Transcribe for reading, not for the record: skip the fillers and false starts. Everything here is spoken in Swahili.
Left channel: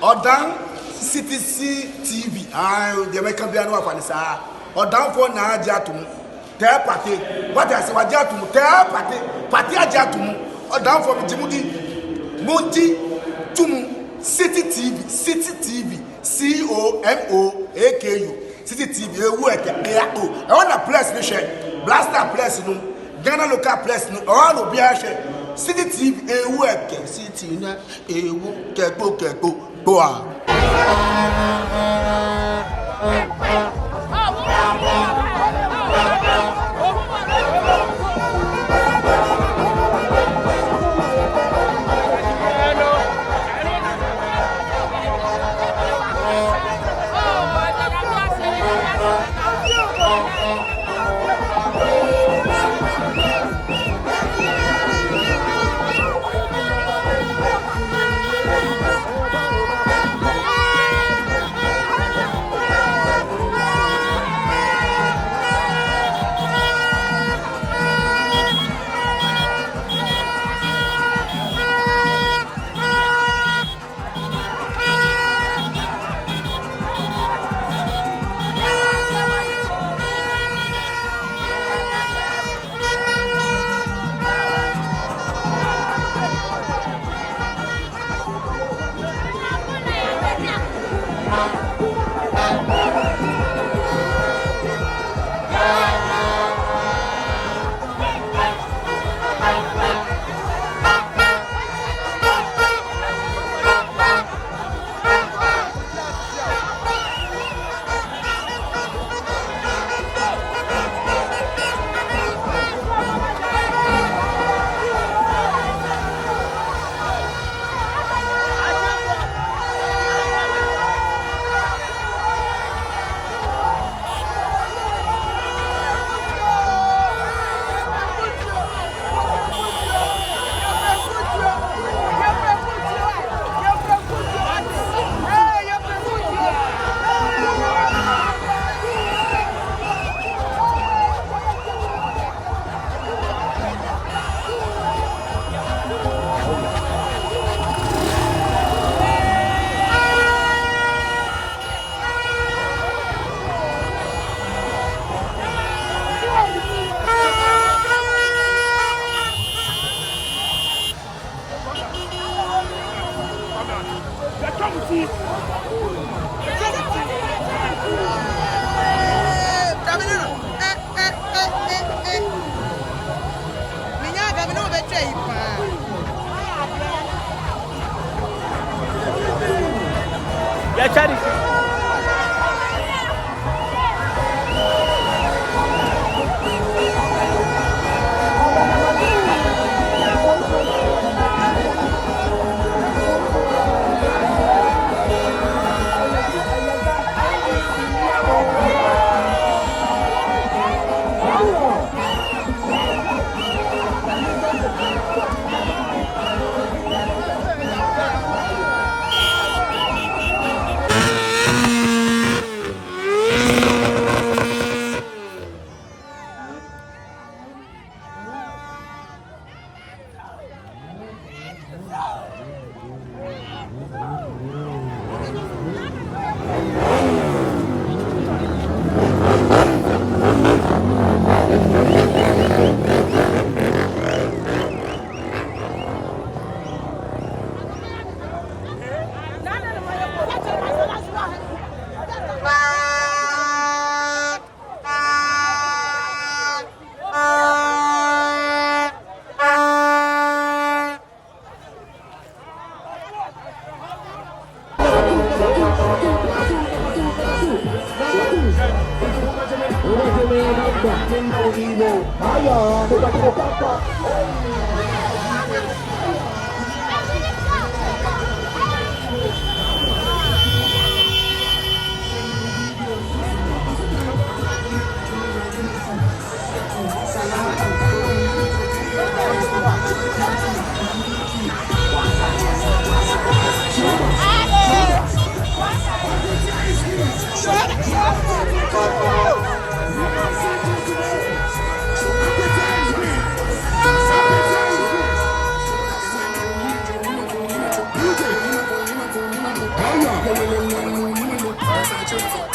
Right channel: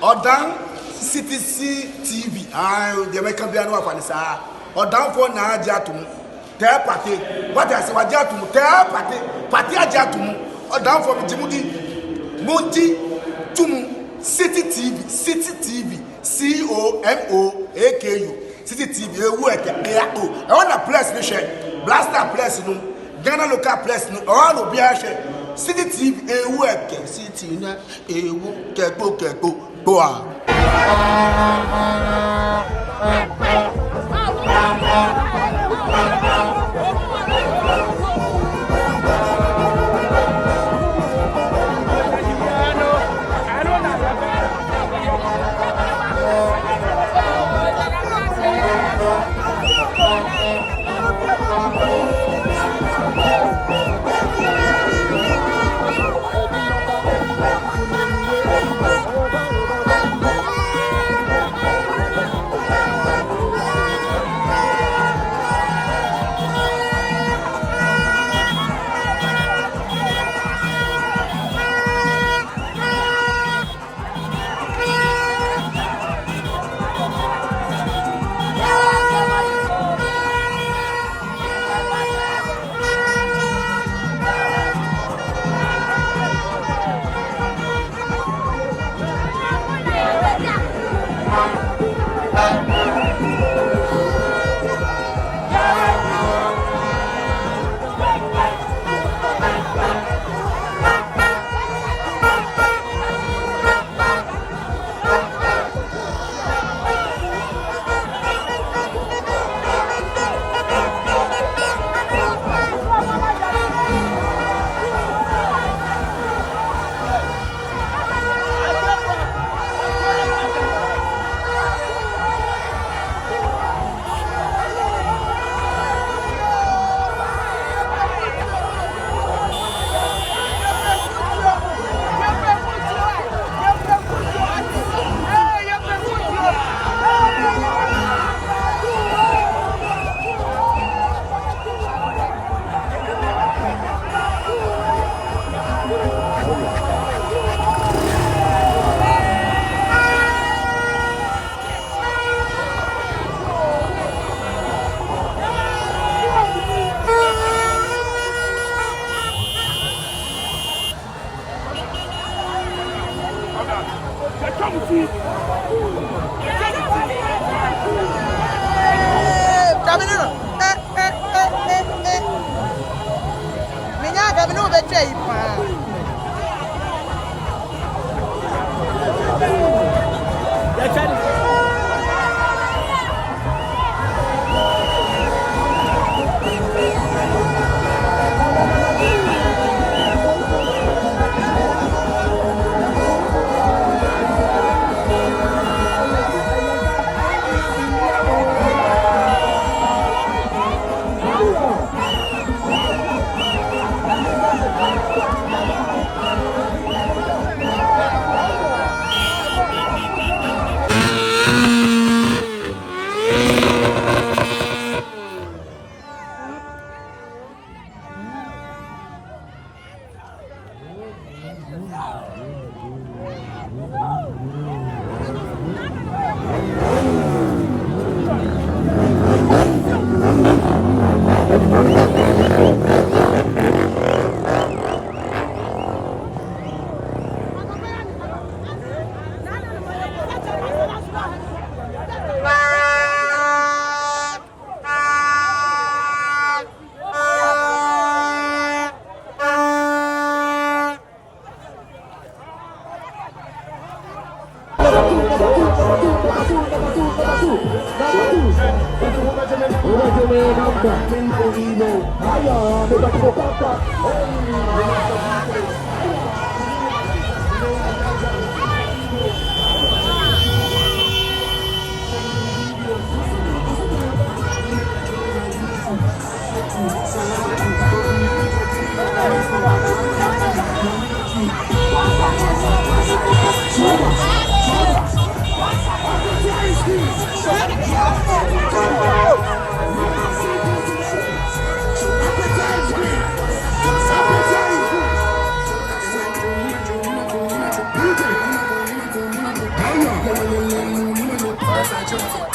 Odan CTC TV. The American Biano of Anissa. Odan for na Jatum. Tell party. What I say, what Jatum? Tell party Jatum. Odan for Jimudi. Monty Tumu. City TV. COMOAKU. City TV. I want a place to share. Blaster place no. Ghana local place no. All will be a share. City TV. City na. Keko. Boa. meche wo